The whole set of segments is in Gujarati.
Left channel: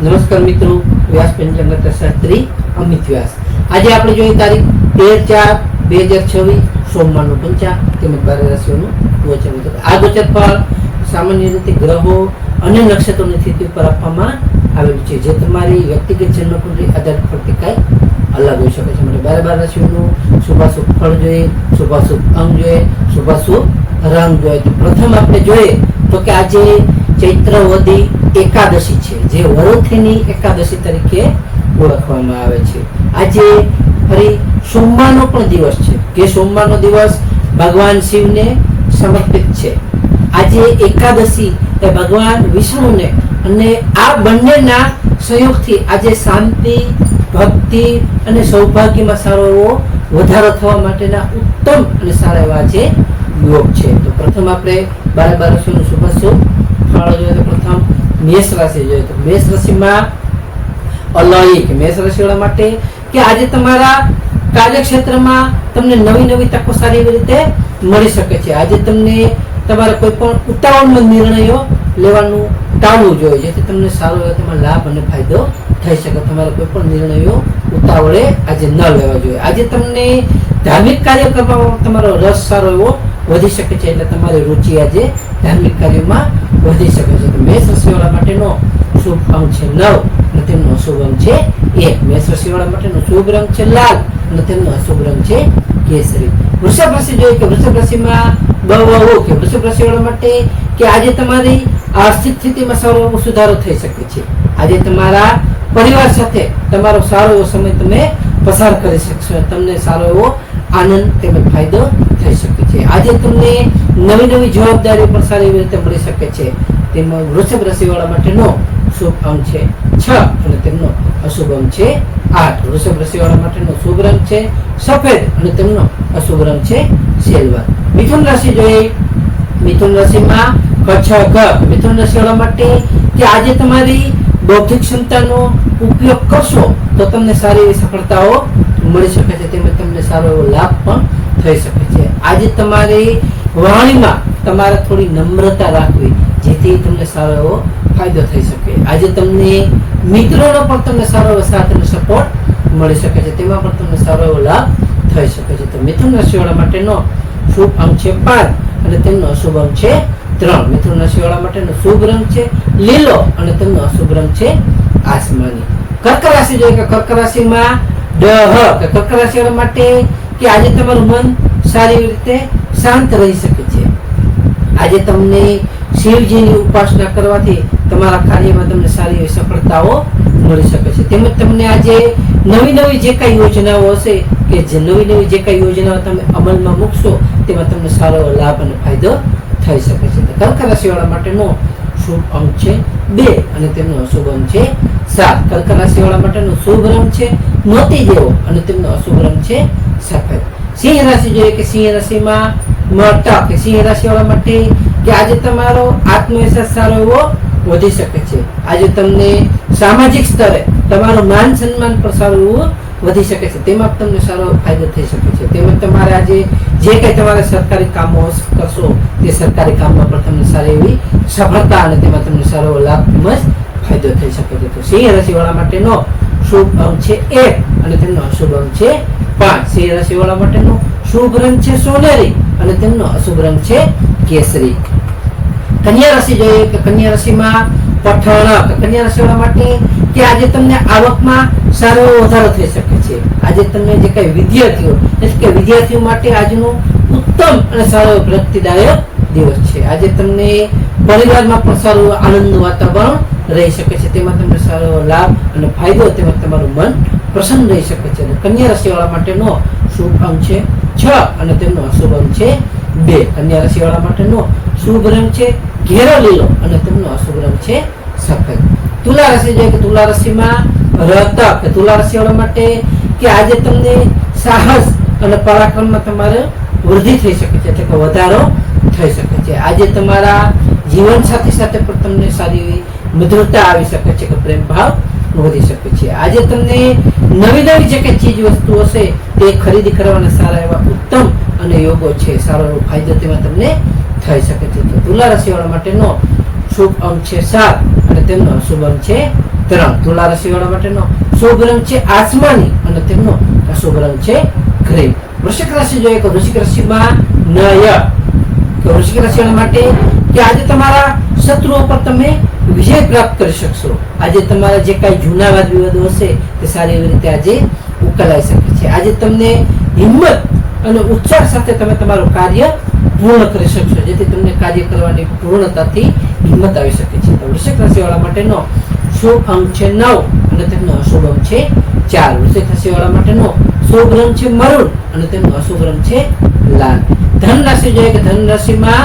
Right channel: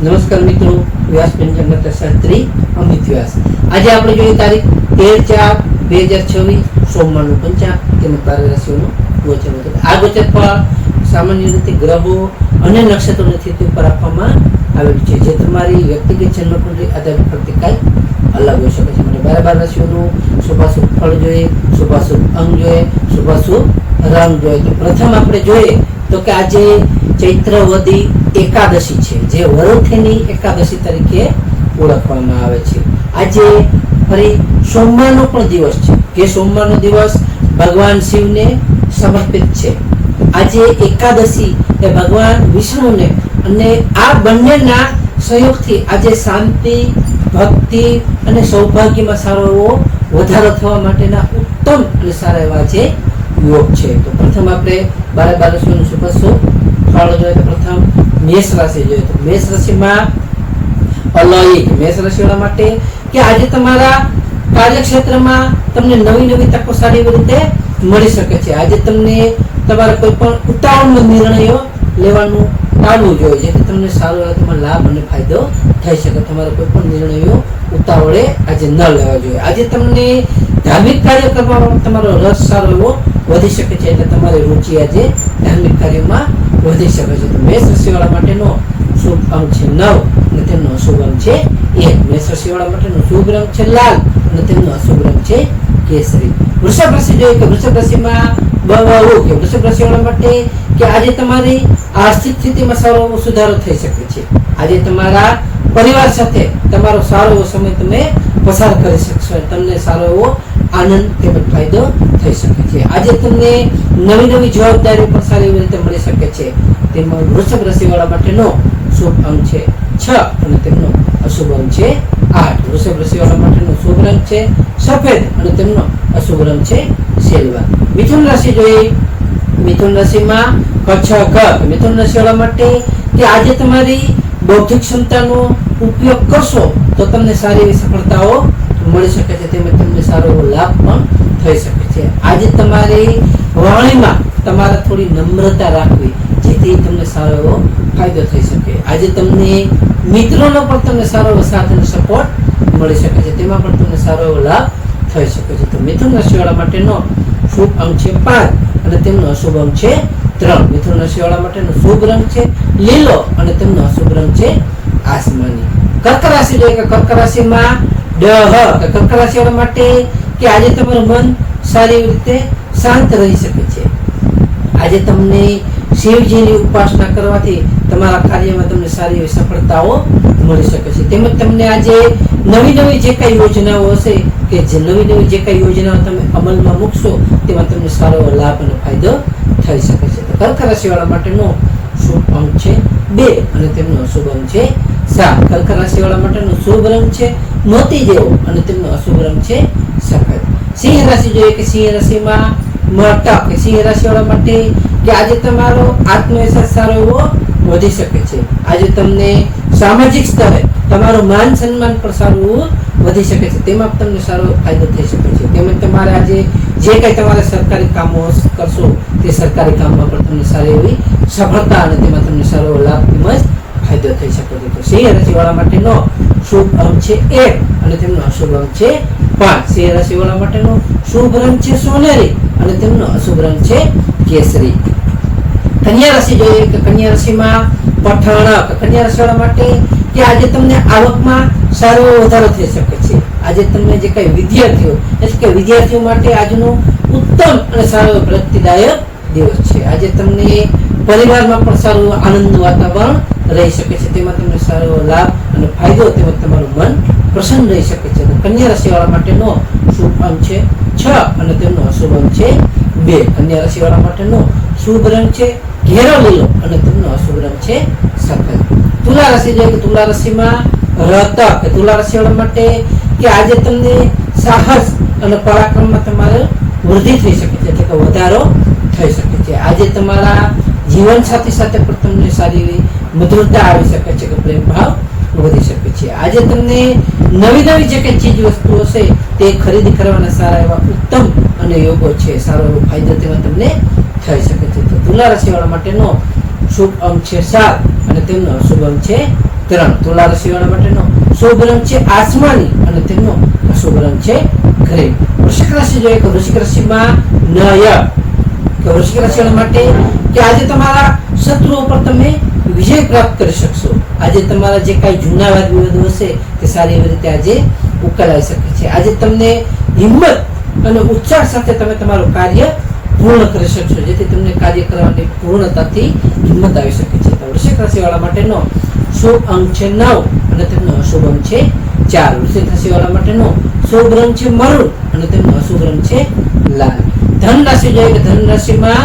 નમસ્કાર મિત્રો, વ્યાસ પંચાંગ શાસ્ત્રી અમિત વ્યાસ. આજે આપણે જોઈએ તારીખ 13/4/2026 સોમવારનું પંચાંગ તેમજ 12 રાશિઓનું ગોચર. આ ગોચર ફળ સામાન્ય રીતે ગ્રહો અને નક્ષત્રોની સ્થિતિ પર આપવામાં આવેલું છે, જે તમારી વ્યક્તિગત જન્મકુંડળી આધારિત પરથી કાંઈ અલગ હોઈ શકે છે. માટે 12 રાશિઓનું શુભાશુભ ફળ જોઈએ, શુભાશુભ અંગ જોઈએ, શુભાશુભ રંગ જોઈએ. તો પ્રથમ આપણે જોઈએ તો કે આજે ચૈત્રવદી એકાદશી છે, જે વરોથીની એકાદશી તરીકે ઓળખવામાં આવે છે. આજે ફરી સોમવારનો પણ દિવસ છે, કે સોમવારનો દિવસ ભગવાન શિવને સમર્પિત છે. આજે એકાદશી એ ભગવાન વિષ્ણુને, અને આ બંનેના સંયોગથી આજે શાંતિ, ભક્તિ અને સૌભાગ્યમાં સારો એવો વધારો થવા માટેના ઉત્તમ અને સારા એવા આજે યોગ છે. તો પ્રથમ આપણે 12 રાશિઓનું શુભાશુભ ફળ જોઈએ તો પ્રથમ મેષ રાશિ જોઈએ તો મેષ રાશિમાં અલૌકિક મેષ રાશિવાળા માટે કે આજે તમારા કાર્યક્ષેત્રમાં તમને નવી નવી તકો સારી એવી રીતે મળી શકે છે. આજે તમને તમારા કોઈ પણ ઉતાવળમાં નિર્ણયો લેવાનું ટાળવું જોઈએ, જેથી તમને સારો એવો તેમાં લાભ અને ફાયદો થઈ શકે. તમારા કોઈ પણ નિર્ણયો ઉતાવળે આજે ન લેવા જોઈએ. આજે તમને ધાર્મિક કાર્ય કરવામાં તમારો રસ સારો એવો વધી શકે છે, એટલે તમારી રુચિ આજે ધાર્મિક કાર્યોમાં વધી શકે છે. તો મેષ રાશિવાળા માટેનો શુભ અંક છે 9 અને તેમનો અશુભ અંક છે 1. મેષ રાશિવાળા માટેનો શુભ રંગ છે લાલ અને તેમનો અશુભ રંગ છે કેસરી. વૃષભ રાશિ જોઈએ કે વૃષભ રાશિમાં કે વૃષભ રાશિવાળા માટે કે આજે તમારી આર્થિક સ્થિતિમાં સારો એવો સુધારો થઈ શકે છે. આજે તમારા પરિવાર સાથે તમારો સારો એવો સમય તમે પસાર કરી શકશો, તમને સારો એવો આનંદ તેમજ ફાયદો થઈ શકે છે. આજે તમને નવી નવી જવાબદારીઓ પણ સારી એવી રીતે મળી શકે છે. તેમાં વૃષભ રાશિવાળા માટેનો શુભ અંક છે 6 અને તેમનો અશુભ અંક છે 8. વૃષભ રાશિવાળા માટેનો શુભ રંગ છે સફેદ અને તેમનો અશુભ રંગ છે સિલ્વર. મિથુન રાશિ જોઈએ. મિથુન રાશિમાં મિથુન રાશિવાળા માટે કે આજે તમારી બૌદ્ધિક ક્ષમતાનો ઉપયોગ કરશો તો તમને સારી એવી સફળતાઓ મળી શકે છે, તેમજ તમને સારો એવો લાભ પણ થઈ શકે છે. આજે તમારી વાણીમાં તમારે થોડી નમ્રતા રાખવી, જેથી તમને સારો એવો ફાયદો થઈ શકે. આજે તમને મિત્રોનો પણ તમને સારો એવો સાથ અને સપોર્ટ મળી શકે છે, તેમાં પણ તમને સારો એવો લાભ થઈ શકે છે. તો મિથુન રાશિવાળા માટેનો શુભ અંક છે 5 અને તેમનો અશુભ અંક છે 3. મિથુન રાશિવાળા માટેનો શુભ રંગ છે લીલો અને તેમનો અશુભ રંગ છે આસમાની. કર્ક રાશિ જોઈએ કે કર્ક રાશિમાં કર્ક રાશિવાળા માટે કે આજે તમારું મન સારી રીતે શાંત રહી શકે છે. આજે તમને શિવજીની ઉપાસના કરવાથી તમારા કાર્યમાં તમને સારી એવી સફળતાઓ મળી શકે છે. તેમજ તમને આજે નવી નવી જે કઈ યોજનાઓ હશે, કે જે નવી નવી જે કઈ યોજનાઓ તમે અમલમાં મૂકશો તેમાં તમને સારો એવો લાભ અને ફાયદો થઈ શકે છે. તો કર્ક રાશિવાળા માટેનો શુભ અંક છે 2 અને તેમનો અશુભ અંક છે 7. કર્ક રાશિવાળા માટેનો શુભ રંગ છે મોતી જેવો અને તેમનો અશુભ રંગ છે સફેદ. સિંહ રાશિ જોઈએ કે સિંહ રાશિમાં સિંહ રાશિવાળા માટે કે આજે તમારો આત્મવિશ્વાસ સારો એવો વધી શકે છે. આજે તમને સામાજિક સ્તરે તમારું માન સન્માન પણ સારું એવું વધી શકે છે, તેમાં તમને સારો ફાયદો થઈ શકે છે. તેમજ તમારે આજે જે કંઈ તમારે સરકારી કામો કરશો તે સરકારી કામમાં પણ તમને સારી એવી સફળતા અને તેમાં તમને સારો એવો લાભ તેમજ ફાયદો થઈ શકે છે. તો સિંહ રાશિવાળા માટેનો શુભ અંક છે 1 અને તેમનો અશુભ અંક છે 5. સિંહ રાશિવાળા માટેનો શુભ રંગ છે સોનેરી અને તેમનો અશુભ રંગ છે કેસરી. કન્યા રાશિ જોઈએ કે કન્યા રાશિમાં કન્યા રાશિવાળા માટે કે આજે તમને આવકમાં સારો વધારો થઈ શકે છે. આજે તમને જે કઈ વિદ્યાર્થીઓ માટે આજનું ઉત્તમ અને સારો પ્રગતિદાયક દિવસ છે. આજે તમને પરિવારમાં પણ સારું આનંદનું વાતાવરણ રહી શકે છે, તેમાં તમને સારો લાભ અને ફાયદો તેમજ તમારું મન પ્રસન્ન રહી શકે છે. તો કન્યા રાશિવાળા માટેનો શુભ અંક છે 6 અને તેમનો અશુભ અંક છે 2. કન્યા રાશિવાળા માટેનો શુભ રંગ છે ઘેરો લીલો અને તેમનો અશુભ રંગ છે સફેદ. તુલા રાશિ જોઈએ કે તુલા રાશિમાં તુલા રાશિવાળા માટે કે આજે તમને સાહસ અને પરાક્રમમાં તમારે વૃદ્ધિ થઈ શકે છે, એટલે કે વધારો થઈ શકે છે. આજે તમારા જીવન સાથી સાથે પણ તમને સારી એવી મધુરતા આવી શકે છે, કે પ્રેમ ભાવ વધી શકે છે. આજે તમને નવી નવી જે કઈ ચીજ વસ્તુ હશે તે ખરીદી કરવાના સારા એવા ઉત્તમ અને યોગો છે, સારો એવો ફાયદો તેમાં તમને થઈ શકે છે. તો તુલા રાશિવાળા માટેનો શુભ અંક છે 7 અને તેમનો અશુભ અંક છે 3 તુલા રાશિ વાળા માટેનો શુભ રંગ છે આસમાની અને તેમનો અશુભ રંગ છે ગ્રીન. વૃશ્ચિક રાશિ જોઈએ તો વૃશ્ચિક રાશિમાં નય કે વૃશ્ચિક રાશિ વાળા માટે કે આજે તમારા શત્રુઓ પર તમે વિજય પ્રાપ્ત કરી શકશો. આજે તમારા જે કાંઈ જૂના વાદ વિવાદો હશે તે સારી એવી રીતે આજે ઉકેલાઈ શકે છે. આજે તમને હિંમત અને ઉત્સાહ સાથે તમે તમારું કાર્ય પૂર્ણ કરી શકશો, જેથી તમને કાર્ય કરવાની પૂર્ણતાથી હિંમત આવી શકે છે. તો વૃશ્ચિક રાશિ વાળા માટેનો શુભ અંક છે 9 અને તેમનો અશુભ અંક છે 4. વૃશ્ચિક રાશિ વાળા માટેનો શુભ રંગ છે મરૂન અને તેમનો અશુભ રંગ છે લાલ. ધન રાશિ જોઈએ કે ધન રાશિમાં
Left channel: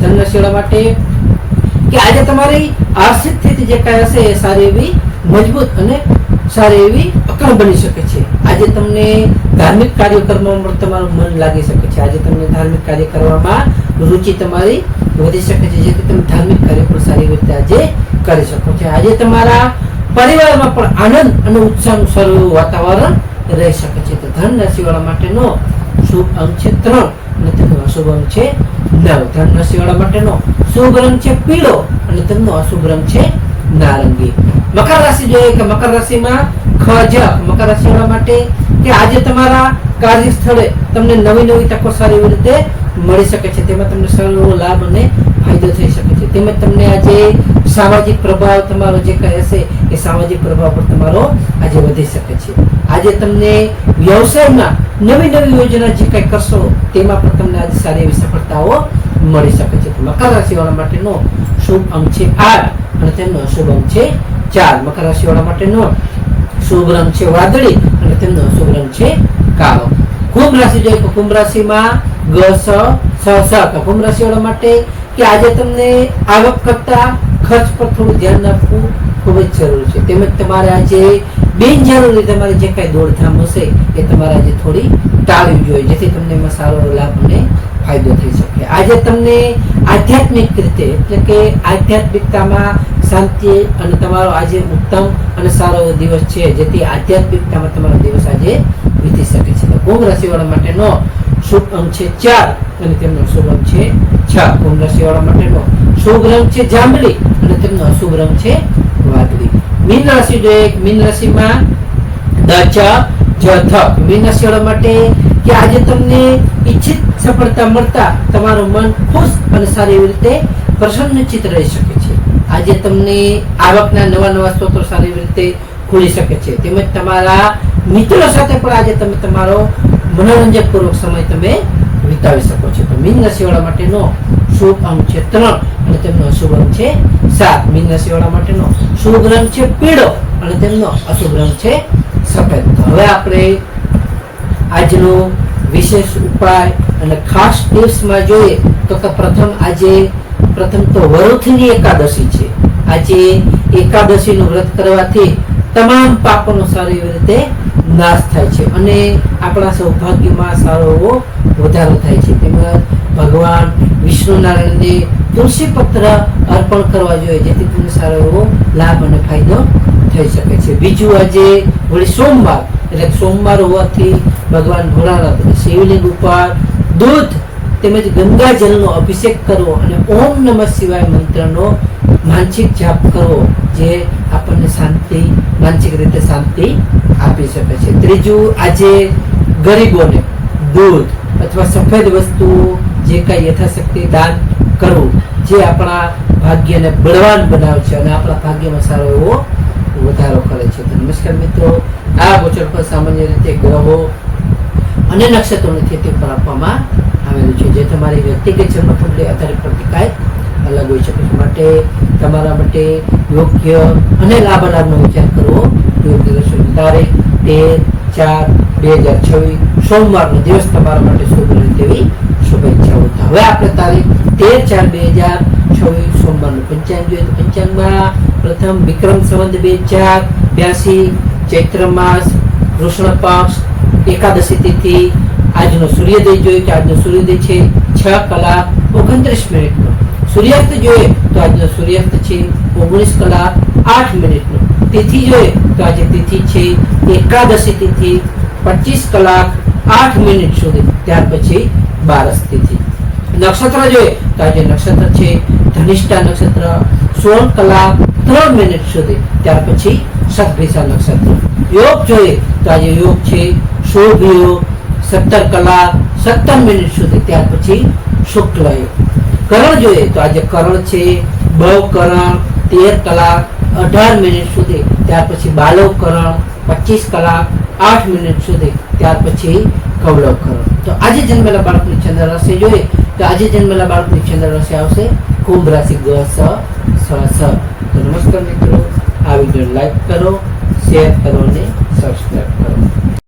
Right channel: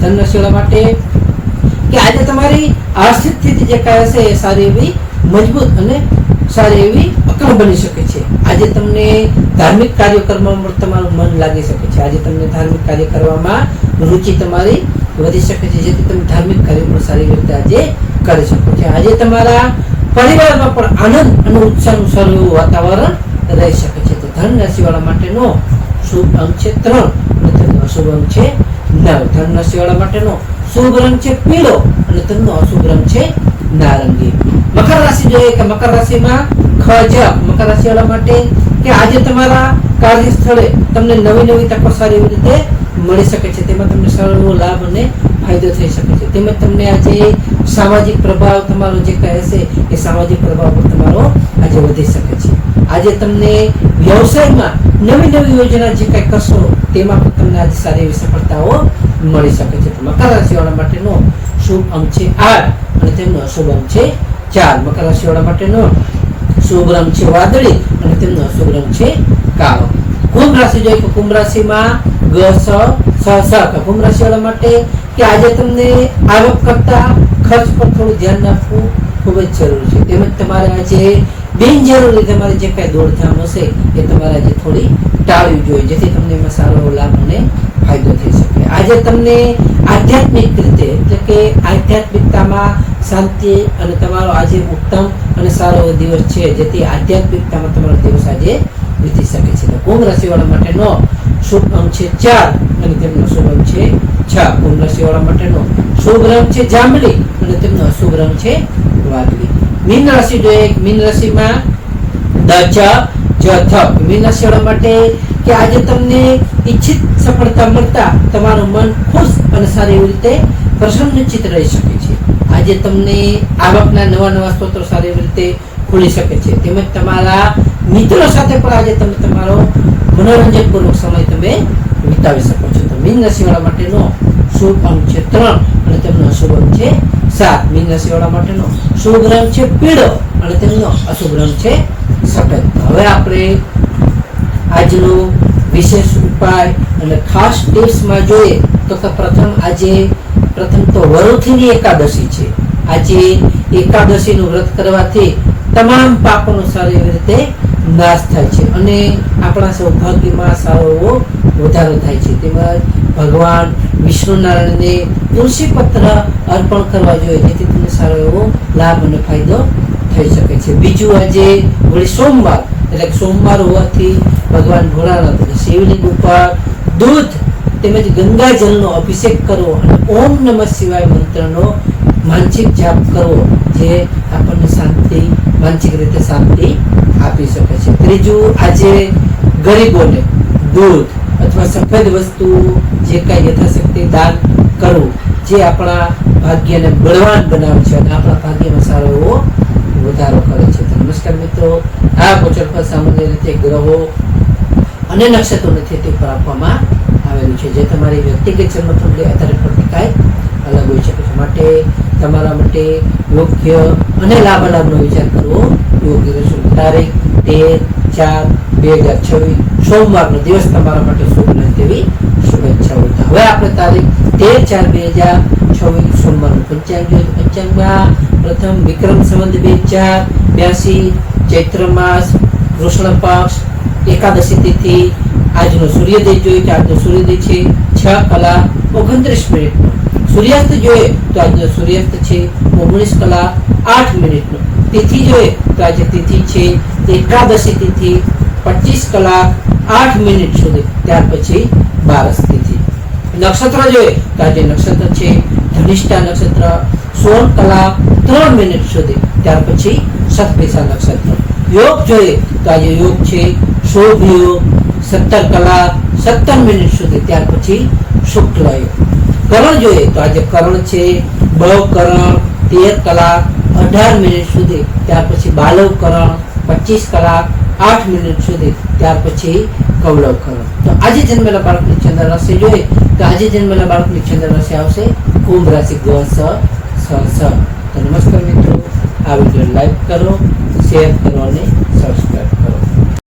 ધન રાશિ વાળા માટે કે આજે તમારી આર્થિક સ્થિતિ જે કાંઈ હશે એ સારી એવી મજબૂત અને સારી એવી અકળ બની શકે છે. આજે તમને ધાર્મિક કાર્યો કરવામાં તમારું મન લાગી શકે છે. આજે તમને ધાર્મિક કાર્ય કરવામાં રુચિ તમારી વધી શકે છે, જેથી તમે ધાર્મિક કાર્ય પણ સારી રીતે આજે કરી શકો છો. આજે તમારા પરિવારમાં પણ આનંદ અને ઉત્સાહનું સારું વાતાવરણ રહી શકે છે. તો ધન રાશિ વાળા માટેનો શુભ અંક છે 3 અને તેમનો અશુભ અંક છે 9. ધન રાશિ વાળા માટેનો શુભ રંગ છે પીળો અને તેમનો અશુભ રંગ છે નારંગી. મકર રાશિ જોઈએ કે મકર રાશિમાં મકર રાશિ વાળા માટે કે આજે તમારા કાર્ય સ્થળે તમને નવી તકો સારી એવી રીતે મળી શકે છે. તેમાં તમને સારો લાભ અને ફાયદો થઈ શકે છે. તેમજ તમને આજે સામાજિક પ્રભાવ તમારો જે કહે છે એ સામાજિક પ્રભાવ પર તમારો આજે વધી શકે છે. આજે તમને વ્યવસાયમાં નવી યોજના જે કંઈ કરશો તેમાં પણ તમને આજે સારી એવી સફળતાઓ મળી શકે છે. તો મકર રાશિ વાળા માટેનો શુભ અંક છે 8 અને તેમનો અશુભ અંક છે 4. મકર રાશિ વાળા માટેનો શુભ રંગ છે વાદળી અને તેમનો અશુભ રંગ છે કાળો. કુંભ રાશિ જોઈએ તો કુંભ રાશિમાં કુંભ રાશિ વાળા માટે કે આજે તમને આવક કરતા ખર્ચ પર થોડું ધ્યાન આપવું ખૂબ જ જરૂરી છે. તેમજ તમારે આજે બિનજરૂરી તમારી જે કાંઈ દોડધામ હશે એ તમારે આજે થોડી ટાળવી જોઈએ, જેથી તમને એમાં સારો લાભ અને ફાયદો થઈ શકે. આજે તમને આધ્યાત્મિક રીતે એટલે કે આધ્યાત્મિકતામાં શાંતિ અને તમારો આજે ઉત્તમ અને સારો દિવસ છે, જેથી આધ્યાત્મિકતામાં તમારો દિવસ આજે વીતી શકે છે. કુંભ રાશિ વાળા માટેનો શુભ અંક છે 4 અને તેમનો અશુભ અંક છે 6. કુંભ રાશિ વાળા માટેનો શુભ રંગ છે જાંબલી અને તેમનો અશુભ રંગ છે વાદળી. મીન રાશિ જોઈએ મીન રાશિમાં મીન રાશિ વાળા માટે કે આજે તમને ઈચ્છિત સફળતા મળતા તમારું મન ખુશ અને સારી એવી રીતે પ્રસન્નચિત રહી શકે છે. આજે તમને આવકના નવા સ્ત્રોતો સારી એવી રીતે ખુલી શકે છે. તેમજ તમારા મિત્રો સાથે પણ આજે તમે તમારો મનોરંજક પૂર્વક સમય તમે વિતાવી શકો છો. તો મીન રાશિ વાળા માટેનો શુભ અંક છે 3 અને તેમનો અશુભ અંક છે 7. મીન રાશિ વાળા માટેનો શુભ રંગ છે પીળો અને તેમનો અશુભ રંગ છે સફેદ. તો હવે આપણે આજનો વિશેષ ઉપાય અને ખાસ ટિપ્સમાં જોઈએ તો પ્રથમ તો વરુથીની એકાદશી છે. આજે એકાદશીનું વ્રત કરવાથી તમામ પાપોનો સારી એવી રીતે નાશ થાય છે અને આપણા સૌભાગ્યમાં સારો એવો વધારો થાય છે. તેમજ ભગવાન વિષ્ણુ નારાયણને તુલસી પત્ર અર્પણ કરવા જોઈએ, જેથી તમને સારો એવો લાભ અને ફાયદો થઈ શકે છે. બીજું આજે વળી સોમવાર એટલે સોમવાર હોવાથી ભગવાન ભોળાનાથ શિવલિંગ ઉપર દૂધ તેમજ ગંગાજળનો અભિષેક કરવો અને ઓમ નમઃ શિવાય મંત્રનો માનસિક જાપ કરવો, જે આપણને શાંતિ માનસિક રીતે શાંતિ આપી શકે છે. ત્રીજું આજે ગરીબોને દૂધ અથવા સફેદ વસ્તુ જે કાંઈ યથાશક્તિ દાન કરવું, જે આપણા ભાગ્યને બળવાન બનાવે છે અને આપણા ભાગ્યમાં સારો એવો વધારો કરે છે. તો નમસ્કાર મિત્રો, આ ગોચર પર સામાન્ય રીતે ગ્રહો અને નક્ષત્રોની સ્થિતિ પર આપવામાં આવેલું છે, જે તમારી વ્યક્તિગત જન્મકુંડળી આધારિત પ્રતિકાય અલગ હોઈ શકે છે. માટે તમારા માટે યોગ્ય અને લાભાલાભનો વિચાર કરવો યોગ્ય રહેશે. તારીખ 13/4/2026 સોમવારનો દિવસ તમારા માટે શુભ રહે તેવી શુભેચ્છાઓ. તો હવે આપણે તારીખ 13/4/2026 સોમવારનું પંચાંગ જોઈએ. પંચાંગમાં પ્રથમ વિક્રમ સંવત 2082 ચૈત્ર માસ કૃષ્ણ પક્ષ એકાદશી તિથિ. આજનો સૂર્યોદય જોઈએ તો આજનો સૂર્યોદય છે 6:29 સૂર્યાસ્ત જોઈએ તો આજનો સૂર્યાસ્ત છે 19:08. તિથિ જોઈએ તો આજે તિથિ છે એકાદશી તિથિ 25:08 સુધી. ત્યાર પછી બારસ તિથિ. નક્ષત્ર જોઈએ તો આજે નક્ષત્ર છે ધનિષ્ઠા નક્ષત્ર 16 કલાક 3 મિનિટ સુધી, ત્યાર પછી શતભિષા નક્ષત્ર. યોગ જોઈએ તો આજે યોગ છે શુભ યોગ 17 કલાક 17 મિનિટ સુધી, ત્યાર પછી શુક્લ યોગ. કરણ જોઈએ તો આજે કરણ છે બવ કરણ 13 કલાક 18 મિનિટ સુધી, ત્યાર પછી બાલવ કરણ 25 કલાક 8 મિનિટ સુધી, ત્યાર પછી કૌલવ કરણ. તો આજે જન્મેલા બાળકની ચંદ્ર રાશિ જોઈએ તો આજે જન્મેલા બાળકની ચંદ્ર રાશિ આવશે કુંભ રાશિ ગ સ સ સ. તો નમસ્કાર મિત્રો, આ વિડીયો લાઈક કરો, શેર કરો અને સબસ્ક્રાઈબ કરો.